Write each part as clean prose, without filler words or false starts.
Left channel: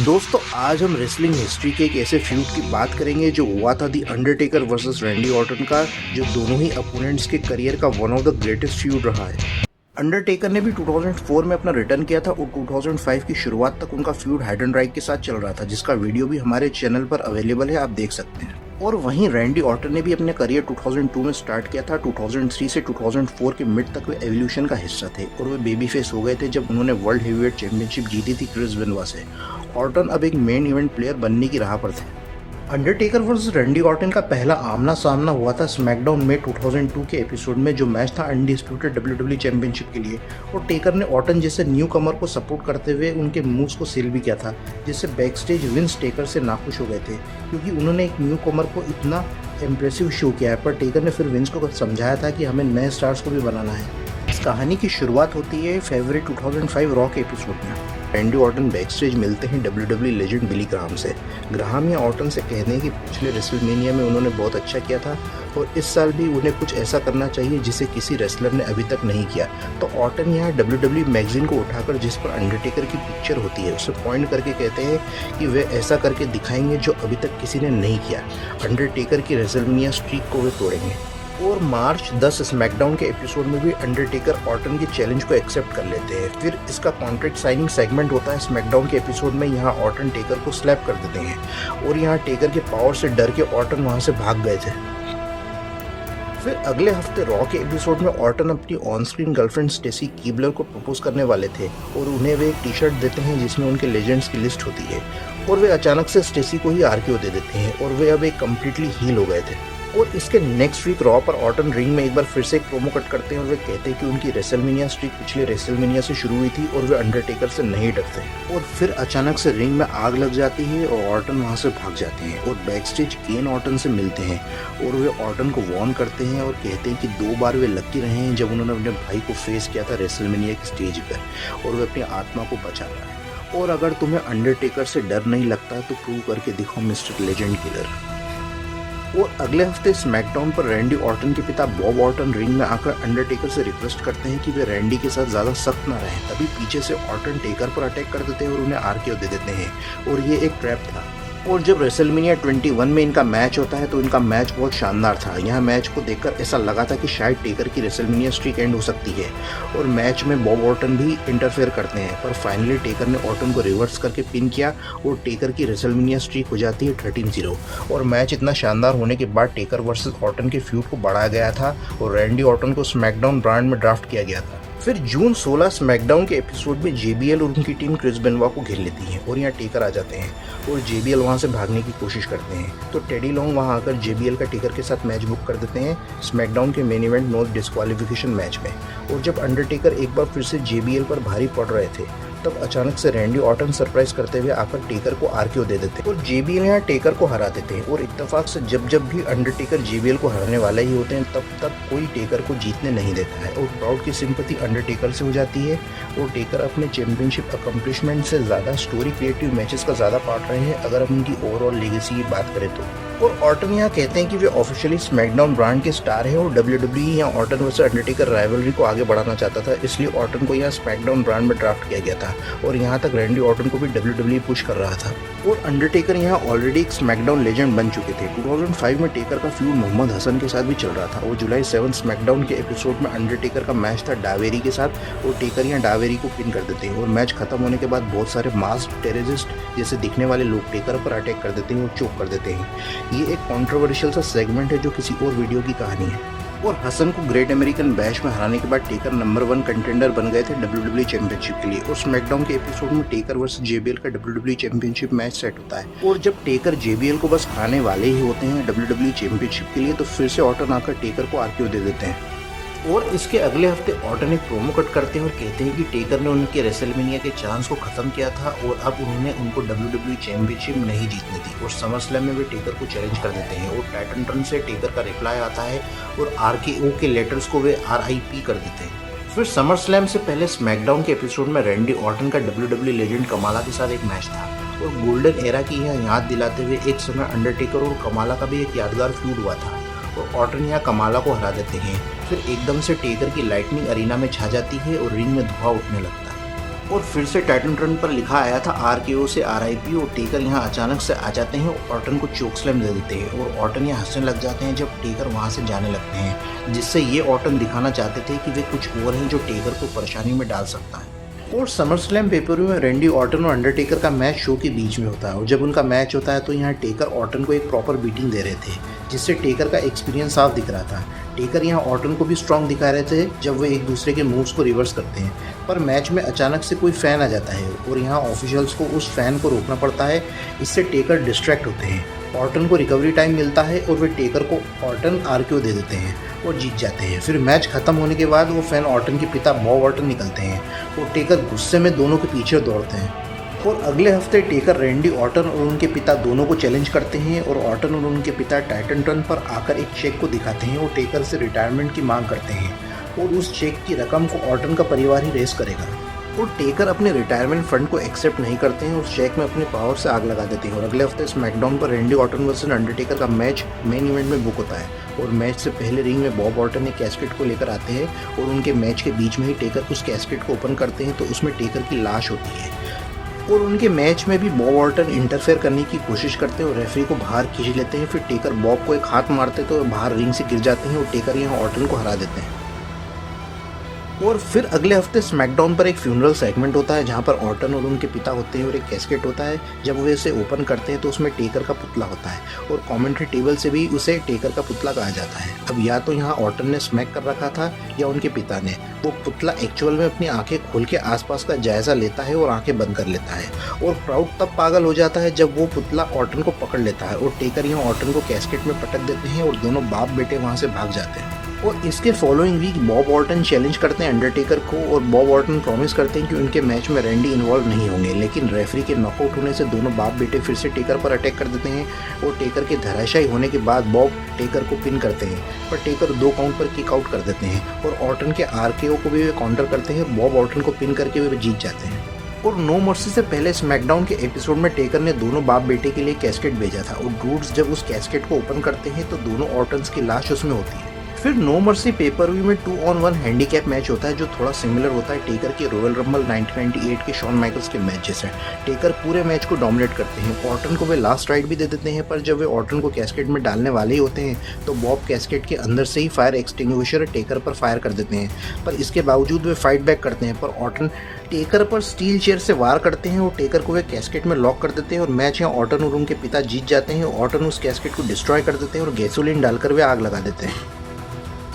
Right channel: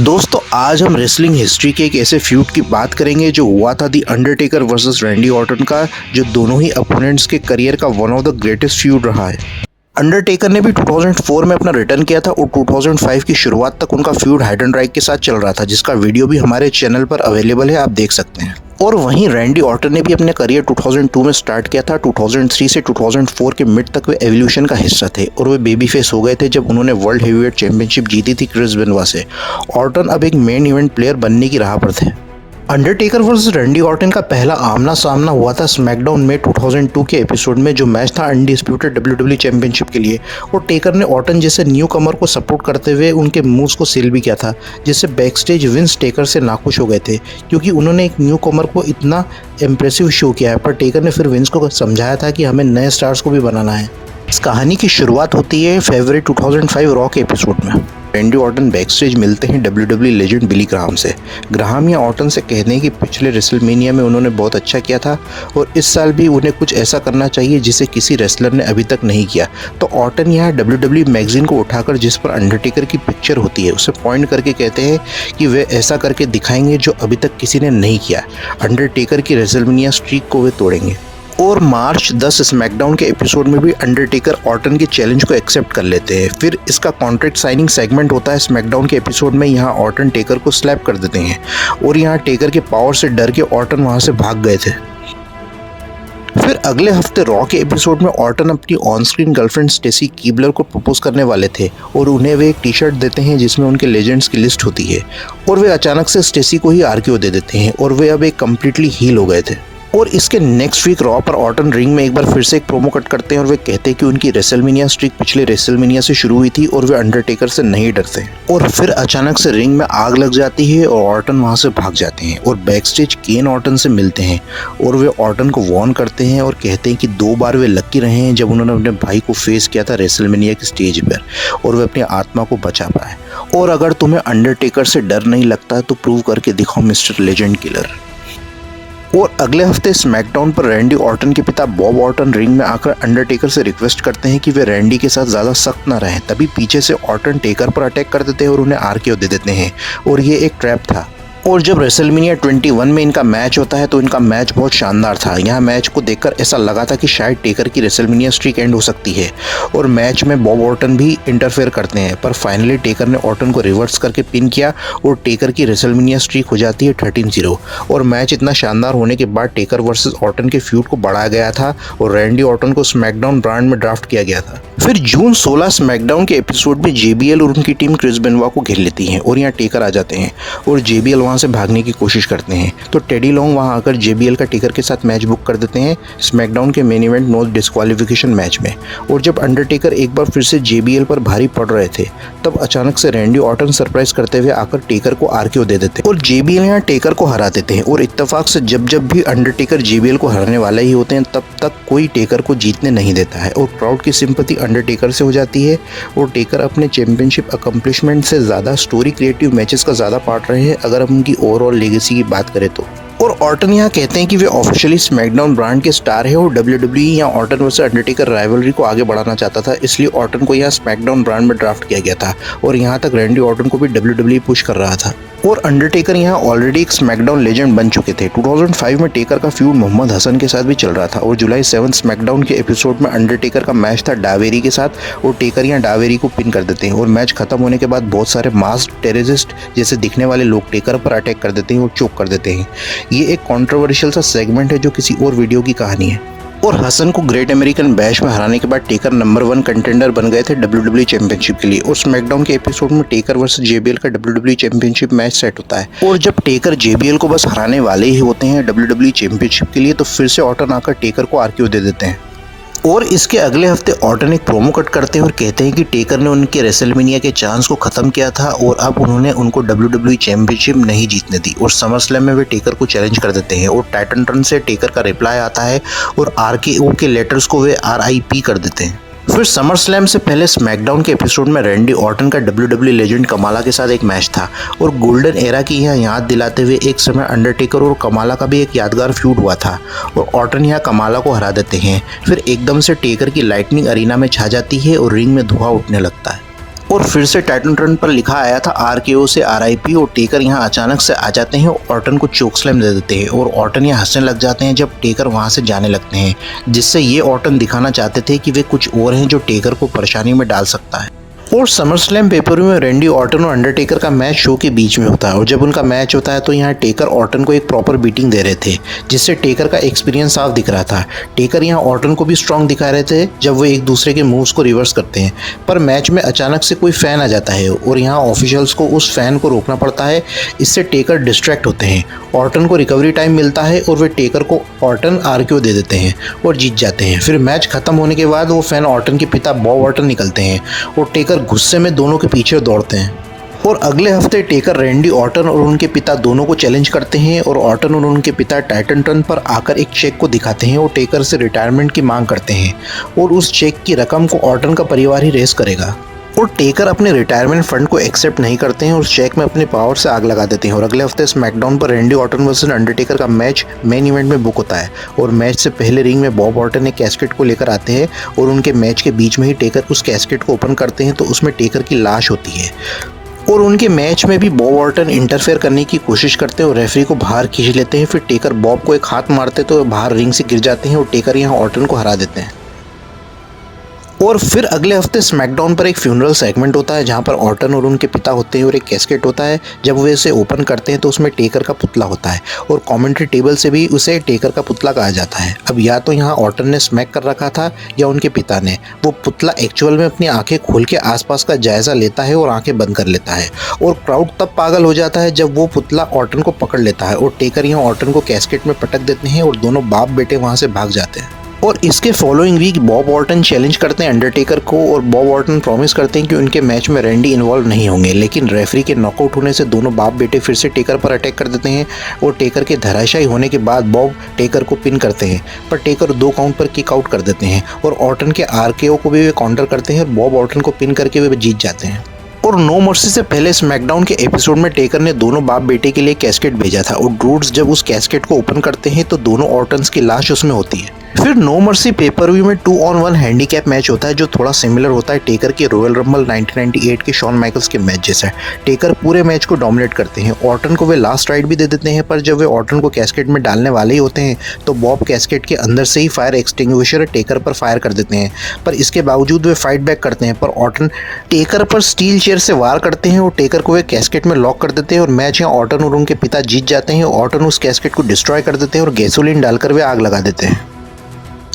दोस्तों आज हम रेसलिंग हिस्ट्री के एक ऐसे फ्यूड की बात करेंगे जो हुआ था the Undertaker versus Randy Orton का, जो दोनों ही अपोनेंट्स के करियर का one of the greatest feud रहा है। अंडरटेकर ने भी 2004 में अपना रिटर्न किया था और 2005 की शुरुआत तक उनका फ्यूड हाइडेनराइक के साथ चल रहा था, जिसका वीडियो भी हमारे चैनल पर अवेलेबल है, आप देख सकते हैं। और वहीं रैंडी ऑर्टन ने भी अपने करियर 2002 में स्टार्ट किया था। 2003 से 2004 के मिड तक वे एवोल्यूशन का हिस्सा थे और वे बेबी फेस हो गए थे जब उन्होंने वर्ल्ड हेवीवेट चैंपियनशिप जीती थी क्रिस बेनोआ से। ऑर्टन अब एक मेन इवेंट प्लेयर बनने की राह पर थे। अंडरटेकर वर्सेस रैंडी ऑर्टन का पहला आमना सामना हुआ था स्मैकडाउन में 2002 के एपिसोड में, जो मैच था अनडिस्प्यूटेड डब्ल्यूडब्ल्यूई चैंपियनशिप के लिए। और टेकर ने ऑर्टन जैसे न्यू कमर को सपोर्ट करते हुए उनके मूव्स को सेल भी किया था, जिससे बैकस्टेज विंस टेकर से नाखुश हो गए थे क्योंकि उन्होंने एक न्यू कमर को इतना इम्प्रेसिव शो किया है। पर टेकर ने फिर विंस को समझाया था कि हमें नए स्टार्स को भी बनाना है। इस कहानी की शुरुआत होती है फरवरी 2005 रॉ के एपिसोड में। रैंडी ऑर्टन बैकस्टेज मिलते हैं डब्ल्यूडब्ल्यूई लेजेंड बिली ग्राहम से। ग्राहम या ऑर्टन से कहते हैं कि पिछले रेसलमेनिया में उन्होंने बहुत अच्छा किया था और इस साल भी उन्हें कुछ ऐसा करना चाहिए जिसे किसी रेसलर ने अभी तक नहीं किया। तो ऑर्टन यहाँ डब्ल्यूडब्ल्यूई मैगजीन को उठाकर जिस पर अंडरटेकर की पिक्चर होती है उसे पॉइंट करके कहते हैं कि वे ऐसा करके दिखाएंगे जो अभी तक किसी ने नहीं किया। अंडरटेकर की रेसलमेनिया स्ट्रीक को वे तोड़ेंगे। और मार्च 10 स्मैकडाउन के एपिसोड में भी अंडरटेकर ऑर्टन के चैलेंज को एक्सेप्ट कर लेते हैं। फिर इसका कॉन्ट्रैक्ट साइनिंग सेगमेंट होता है स्मैकडाउन के एपिसोड में। यहाँ ऑर्टन टेकर को स्लैप कर देते हैं और यहाँ टेकर के पावर से डर के ऑर्टन वहाँ से भाग गए थे। फिर अगले हफ्ते रॉ के एपिसोड में ऑर्टन अपनी on screen girlfriend Stacy Keibler को प्रपोज करने वाले थे और उन्हें वे एक टी शर्ट देते हैं जिसमें उनके लेजेंड्स की लिस्ट होती है। और वे अचानक से स्टेसी को ही आरक्यू दे देते हैं और वे अब एक कम्प्लीटली हील हो गए थे। और इसके नेक्स्ट वीक रॉ पर ऑर्टन रिंग में एक बार फिर से एक प्रोमो कट करते हैं और वे कहते हैं कि उनकी रेसलमेनिया स्ट्रीक पिछले रेसलमेनिया से शुरू हुई थी और वे अंडरटेकर से नहीं डरते। और फिर अचानक से रिंग में आग लग जाती है और ऑर्टन वहां से भाग जाते हैं और बैकस्टेज केन ऑर्टन से मिलते हैं और वे ऑर्टन को वार्न करते हैं और कहते हैं कि 2 बार वे लकी रहे हैं जब उन्होंने अपने भाई को फेस किया था रेसलमेनिया की स्टेज पर और वे अपनी आत्मा को बचा पाए। और अगर तुम्हें अंडरटेकर से डर नहीं लगता तो प्रूव करके दिखाओ मिस्टर लेजेंड किलर। और अगले हफ्ते स्मैकडाउन पर रैंडी ऑर्टन के पिता बॉब ऑर्टन रिंग में आकर अंडरटेकर से रिक्वेस्ट करते हैं कि वे रैंडी के साथ ज़्यादा सख्त ना रहें। तभी पीछे से ऑर्टन टेकर पर अटैक कर देते हैं और उन्हें आरकेओ दे देते हैं और ये एक ट्रैप था। और जब रेसलमेनिया 21 में इनका मैच होता है तो इनका मैच बहुत शानदार था। यहाँ मैच को देखकर ऐसा लगा था कि शायद टेकर की रेसलमेनिया स्ट्रीक एंड हो सकती है और मैच में बॉब ऑर्टन भी इंटरफेयर करते हैं। पर फाइनली टेकर ने ऑर्टन को रिवर्स करके पिन किया और टेकर की रेसलमेनिया स्ट्रीक हो जाती है 13-0। और मैच इतना शानदार होने के बाद टेकर वर्सेस ऑर्टन के फ्यूड को बढ़ाया गया था और रैंडी ऑर्टन को स्मैकडाउन ब्रांड में ड्राफ्ट किया गया था। फिर जून 16 स्मैकडाउन के एपिसोड में JBL और उनकी टीम क्रिस बेनोआ को घेर लेती है और यहाँ टेकर आ जाते हैं और JBL वहाँ से भागने की कोशिश करते हैं। तो टेडी लॉन्ग वहाँ आकर JBL का टेकर के साथ मैच बुक कर देते हैं स्मैकडाउन के main event no disqualification match में। और जब अंडरटेकर एक बार फिर से JBL पर भारी पड़ रहे थे तब अचानक से रैंडी ऑर्टन सरप्राइज करते हुए आकर टेकर को आरकेओ दे देते हैं और JBL यहाँ टेकर को हरा देते हैं। और इत्तेफाक से जब भी अंडरटेकर JBL को हराने वाले ही होते हैं तब तक कोई टेकर को जीतने नहीं देता है और क्राउड की सिंपैथी अंडरटेकर से हो जाती है और टेकर अपने चैंपियनशिप अकम्पलिशमेंट से ज़्यादा स्टोरी क्रिएटिव मैचेस का ज़्यादा पार्ट रहे हैं अगर हम उनकी ओवरऑल लेगेसी की बात करें तो। और ऑर्टन यहाँ कहते हैं कि वे ऑफिशियली स्मैकडाउन ब्रांड के स्टार है और WWE यहाँ ऑर्टन वर्सेस अंडरटेकर राइवलरी को आगे बढ़ाना चाहता था, इसलिए ऑर्टन को यहाँ स्मैकडाउन ब्रांड में ड्राफ्ट किया गया था और यहाँ तक रैंडी ऑर्टन को भी WWE पुश कर रहा था। और अंडरटेकर यहाँ ऑलरेडी एक स्मैकडाउन लेजेंड बन चुके थे। 2005 में टेकर का फ्यूड मोहम्मद हसन के साथ भी चल रहा था और जुलाई 7 स्मैकडाउन के एपिसोड में अंडरटेकर का मैच था डावेरी के साथ और टेकर यहाँ डावेरी को पिन कर देते हैं और मैच खत्म होने के बाद बहुत सारे मास्क टेररिस्ट जैसे दिखने वाले लोग टेकर पर अटैक कर देते हैं और चोक कर देते हैं। ये एक कॉन्ट्रोवर्शियल सा सेगमेंट है जो किसी और वीडियो की कहानी है। और हसन को ग्रेट अमेरिकन बैश में हराने के बाद टेकर नंबर 1 कंटेंडर बन गए थे WWE चैंपियनशिप के लिए। और स्मैकडाउन के एपिसोड में टेकर वर्सेस JBL का WWE चैंपियनशिप मैच सेट होता है और जब टेकर JBL को बस हराने वाले ही होते हैं WWE चैंपियनशिप के लिए तो फिर से ऑर्टन आकर टेकर को आरकेओ दे देते हैं। और इसके अगले हफ्ते ऑर्टन एक प्रोमो कट करते हैं और कहते हैं कि टेकर ने उनके रेसलमेनिया के चांस को ख़त्म किया था और अब उन्होंने उनको WWE चैंपियनशिप नहीं जीतने दी। और समर स्लैम में वे टेकर को चैलेंज कर देते हैं और टाइटन टर्न से टेकर का रिप्लाई आता है और RKO के लेटर्स को वे RIP कर देते हैं। फिर समर स्लैम से पहले स्मैकडाउन के एपिसोड में रैंडी ऑर्टन का WWE लेजेंड कमाला के साथ एक मैच था और गोल्डन एरा की यहाँ याद दिलाते हुए एक समय अंडरटेकर और कमाला का भी एक यादगार फ्यूड हुआ था और ऑर्टन यहाँ कमाला को हरा देते हैं। फिर एकदम से टेकर की लाइटनिंग अरीना में छा जाती है और रिंग में धुआं उठने लगता है। और फिर से टाइटन रन पर लिखा आया था RKO से RIP और टेकर यहाँ अचानक से आ जाते हैं और ऑर्टन को चोक स्लैम दे देते हैं और ऑर्टन यहाँ हंसने लग जाते हैं जब टेकर वहाँ से जाने लगते हैं, जिससे ये ऑर्टन दिखाना चाहते थे कि वे कुछ और हैं जो टेकर को परेशानी में डाल सकता है। और समर स्लैम पेपर में रैंडी ऑर्टन और अंडरटेकर का मैच शो के बीच में होता है और जब उनका मैच होता है तो यहाँ टेकर ऑर्टन को एक प्रॉपर बीटिंग दे रहे थे, जिससे टेकर का एक्सपीरियंस साफ दिख रहा था। टेकर यहाँ ऑर्टन को भी स्ट्रांग दिखा रहे थे जब वो एक दूसरे के मूव्स को रिवर्स करते हैं, पर मैच में अचानक से कोई फैन आ जाता है और यहाँ ऑफिशियल्स को उस फैन को रोकना पड़ता है। इससे टेकर डिस्ट्रैक्ट होते हैं, ऑर्टन को रिकवरी टाइम मिलता है और वे टेकर को ऑर्टन RKO दे देते हैं और जीत जाते हैं। फिर मैच खत्म होने के बाद वो फैन ऑर्टन के पिता बॉब ऑर्टन निकलते हैं और टेकर गुस्से में दोनों के पीछे दौड़ते हैं। और अगले हफ्ते टेकर रैंडी ऑर्टन और उनके पिता दोनों को चैलेंज करते हैं और ऑर्टन और उनके पिता टाइटन टन पर आकर एक चेक को दिखाते हैं और टेकर से रिटायरमेंट की मांग करते हैं और उस चेक की रकम को ऑर्टन का परिवार ही रेस करेगा। और टेकर अपने रिटायरमेंट फंड को एक्सेप्ट नहीं करते हैं और चेक में अपने पावर से आग लगा देते हैं। और अगले हफ्ते स्मैकडाउन पर रैंडी ऑर्टन वर्सेस अंडरटेकर का मैच मेन इवेंट में बुक होता है और मैच से पहले रिंग में बॉब ऑर्टन एक कैस्केट को लेकर आते हैं और उनके मैच के बीच में ही टेकर उस कैस्केट को ओपन करते हैं तो उसमें टेकर की लाश होती है। और उनके मैच में भी बॉब ऑर्टन इंटरफेयर करने की कोशिश करते हैं और रेफरी को बाहर खींच लेते हैं। फिर टेकर बॉब को एक हाथ मारते तो बाहर रिंग से गिर जाते हैं और टेकर यहाँ ऑर्टन को हरा देते हैं। और फिर अगले हफ्ते स्मैकडाउन पर एक फ्यूनरल सेगमेंट होता है जहां पर ऑर्टन और उनके पिता होते हैं और एक कैस्केट होता है। जब वे इसे ओपन करते हैं तो उसमें टेकर का पुतला होता है और कमेंट्री टेबल से भी उसे टेकर का पुतला कहा जाता है। अब या तो यहाँ ऑर्टन ने स्मैक कर रखा था या उनके पिता ने। वो पुतला एक्चुअल में अपनी आंखें खोल के आसपास का जायजा लेता है और आंखें बंद कर लेता है और क्राउड तब पागल हो जाता है जब वो पुतला ऑर्टन को पकड़ लेता है और टेकर यहाँ ऑर्टन को कैस्केट में पटक देते हैं और दोनों बाप बेटे वहाँ से भाग जाते हैं। और इसके following week Bob Orton challenge करते हैं अंडरटेकर को और बॉब ऑर्टन प्रॉमिस करते हैं कि उनके मैच में रैंडी इन्वॉल्व नहीं होंगे, लेकिन रेफरी के नॉकआउट होने से दोनों बाप बेटे फिर से टेकर पर अटैक कर देते हैं और टेकर के धराशायी होने के बाद बॉब टेकर को पिन करते हैं, पर टेकर 2 काउंट पर किक आउट कर देते हैं और ऑर्टन के RKO को भी वे काउंटर करते हैं। बॉब ऑर्टन को पिन करके वे जीत जाते हैं। और नो मर्सी से पहले स्मैकडाउन के एपिसोड में टेकर ने दोनों बाप बेटे के लिए कैस्केट भेजा था और ड्रूड्स जब उस कैस्केट को ओपन करते हैं तो दोनों ऑर्टन्स की लाश उसमें होती है। फिर नो मर्सी पेपर व्यू में 2-on-1 हैंडीकैप मैच होता है जो थोड़ा सिमिलर होता है टेकर के रॉयल रंबल 1998 के शॉन माइकल्स के मैच जैसा। टेकर पूरे मैच को डोमिनेट करते हैं। ऑर्टन को वे लास्ट राइड भी दे देते हैं, पर जब वे ऑर्टन को कैस्केट में डालने वाले ही होते हैं तो बॉब कैस्केट के अंदर से ही फायर एक्सटिंग्विशर टेकर पर फायर कर देते हैं, पर इसके बावजूद वे फाइट बैक करते हैं। पर ऑर्टन टेकर पर स्टील चेयर से वार करते हैं और टेकर को वे कैस्केट में लॉक कर देते हैं और मैच यहाँ ऑर्टन और उनके पिता जीत जाते हैं। ऑर्टन उस कैस्केट को डिस्ट्रॉय कर देते हैं और गैसोलीन डालकर वे आग लगा देते हैं।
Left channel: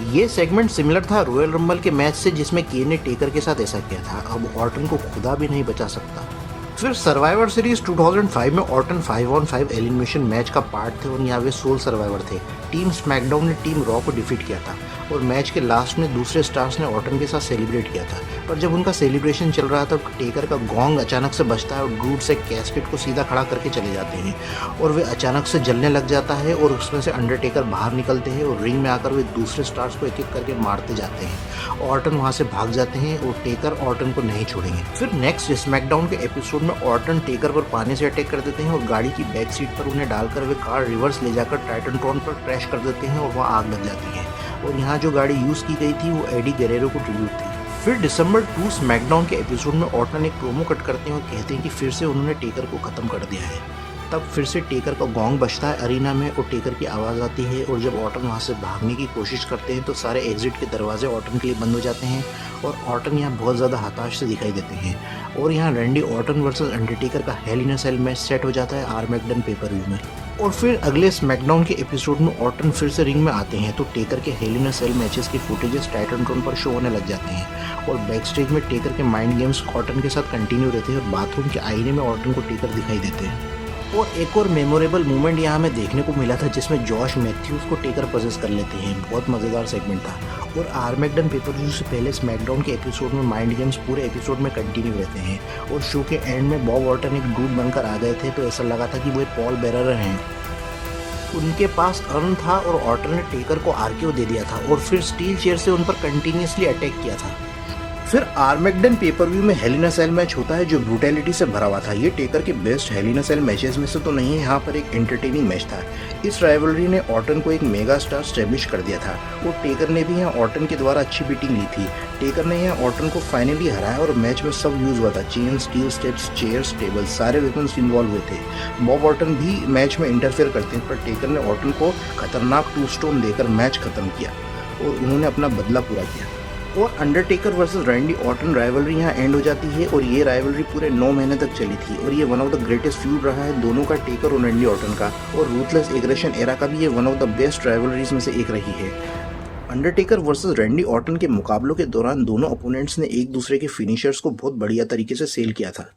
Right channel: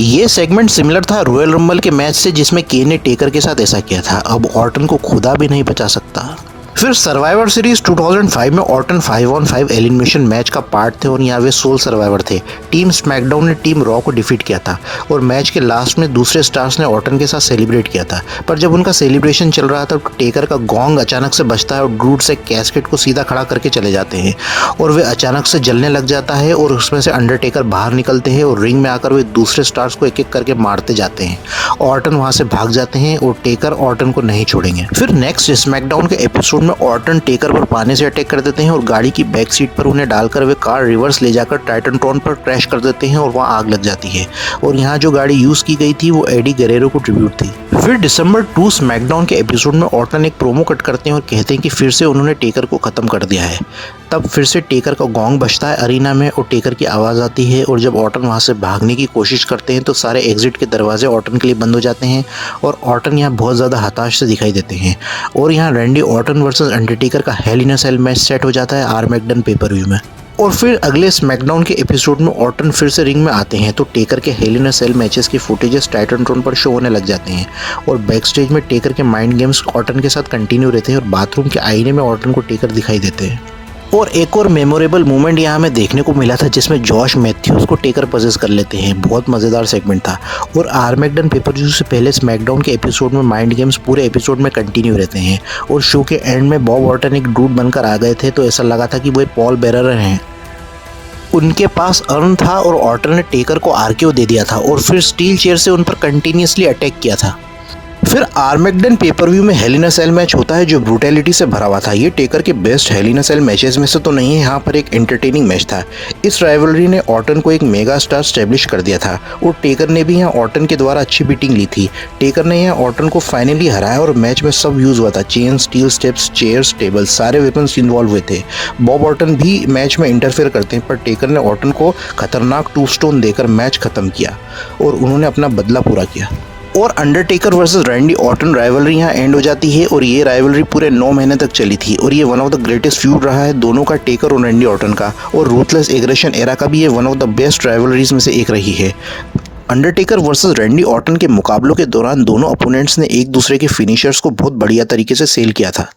ये सेगमेंट सिमिलर था रॉयल रंबल के मैच से जिसमें केन ने टेकर के साथ ऐसा किया था। अब ऑर्टन को खुदा भी नहीं बचा सकता। फिर सर्वाइवर सीरीज 2005 में ऑर्टन 5-on-5 एलिमिनेशन मैच का पार्ट थे और यहाँ वे सोल सर्वाइवर थे। टीम स्मैकडाउन ने टीम रॉ को डिफीट किया था और मैच के लास्ट में दूसरे स्टार्स ने ऑर्टन के साथ सेलिब्रेट किया था, पर जब उनका सेलिब्रेशन चल रहा था तो टेकर का गोंग अचानक से बजता है और ड्रूड्स एक कैस्केट को सीधा खड़ा करके चले जाते हैं और वे अचानक से जलने लग जाता है और उसमें से अंडरटेकर बाहर निकलते हैं और रिंग में आकर वे दूसरे स्टार्स को एक एक करके मारते जाते हैं। ऑर्टन वहाँ से भाग जाते हैं और टेकर ऑर्टन को नहीं छोड़ेंगे। फिर नेक्स्ट स्मैकडाउन के एपिसोड में ऑर्टन टेकर पर पानी से अटैक कर देते हैं और गाड़ी की बैक सीट पर उन्हें डालकर वे कार रिवर्स ले जाकर टाइटनट्रॉन पर क्रैश कर देते हैं और वहाँ आग लग जाती है और यहाँ जो गाड़ी यूज की गई थी वो एडी गरेरो को ट्रिब्यूट थी। फिर दिसंबर 2 स्मैकडाउन के एपिसोड में ऑर्टन एक प्रोमो कट करते हैं और कहते हैं कि फिर से उन्होंने टेकर को खत्म कर दिया है। तब फिर से टेकर का गोंग बजता है अरीना में और टेकर की आवाज़ आती है और जब ऑर्टन वहाँ से भागने की कोशिश करते हैं तो सारे एग्जिट के दरवाजे ऑर्टन के लिए बंद हो जाते हैं और ऑर्टन यहाँ बहुत ज़्यादा हताश से दिखाई देते हैं। और यहाँ रैंडी ऑर्टन वर्सेस अंडरटेकर का हेल इन अ सेल मैच सेट हो जाता है आर्मैगडन पेपर व्यू में। और फिर अगले स्मैकडाउन के एपिसोड में ऑर्टन फिर से रिंग में आते हैं तो टेकर के हेल इन अ सेल मैचेस की फुटेजेस टाइटनट्रॉन पर शो होने लग जाते हैं और बैक स्टेज में टेकर के माइंड गेम्स ऑर्टन के साथ कंटिन्यू रहते हैं और बाथरूम के आईने में ऑर्टन को टेकर दिखाई देते हैं। और एक और मेमोरेबल मोमेंट यहाँ हमें देखने को मिला था जिसमें जॉश मैथ्यूज को टेकर पजेस कर लेते हैं। बहुत मज़ेदार सेगमेंट था। और आर्मैगडन पेपर व्यू से पहले स्मैकडाउन के एपिसोड में माइंड गेम्स पूरे एपिसोड में कंटिन्यू रहते हैं और शो के एंड में बॉब ऑर्टन एक डूड बनकर आ गए थे तो ऐसा लगा था कि वो पॉल बेरर हैं। उनके पास अर्न था और ऑर्टन ने टेकर को RKO दे दिया था और फिर स्टील चेयर से उन पर कंटिन्यूसली अटैक किया था। फिर आर्मेगडन पेपर व्यू में हेल इन अ सेल मैच होता है जो ब्रूटैलिटी से भरा हुआ था। ये टेकर के बेस्ट हेल इन अ सेल मैचेस में से तो नहीं है, यहाँ पर एक एंटरटेनिंग मैच था। इस राइवलरी ने ऑर्टन को एक मेगा स्टार स्टैब्लिश कर दिया था और टेकर ने भी यहाँ ऑर्टन के द्वारा अच्छी बीटिंग ली थी। टेकर ने यहाँ ऑर्टन को फाइनली हराया और मैच में सब यूज हुआ था, chain, steel steps, chairs, table, सारे वेपन्स इन्वॉल्व हुए थे। बॉब ऑर्टन भी मैच में इंटरफेयर करते हैं पर टेकर ने ऑर्टन को खतरनाक 2 स्टोन देकर मैच खत्म किया और उन्होंने अपना बदला पूरा किया। और Undertaker versus Randy Orton rivalry यहाँ एंड हो जाती है और ये राइवलरी पूरे 9 महीने तक चली थी और ये one of the greatest feud रहा है दोनों का, टेकर और रैंडी ऑर्टन का। और रूथलेस एग्रेशन एरा का भी ये one of the best rivalries में से एक रही है। अंडरटेकर वर्सेस रैंडी ऑर्टन के मुकाबलों के दौरान दोनों अपोनेंट्स ने एक दूसरे के फिनिशर्स को बहुत बढ़िया तरीके से सेल किया था।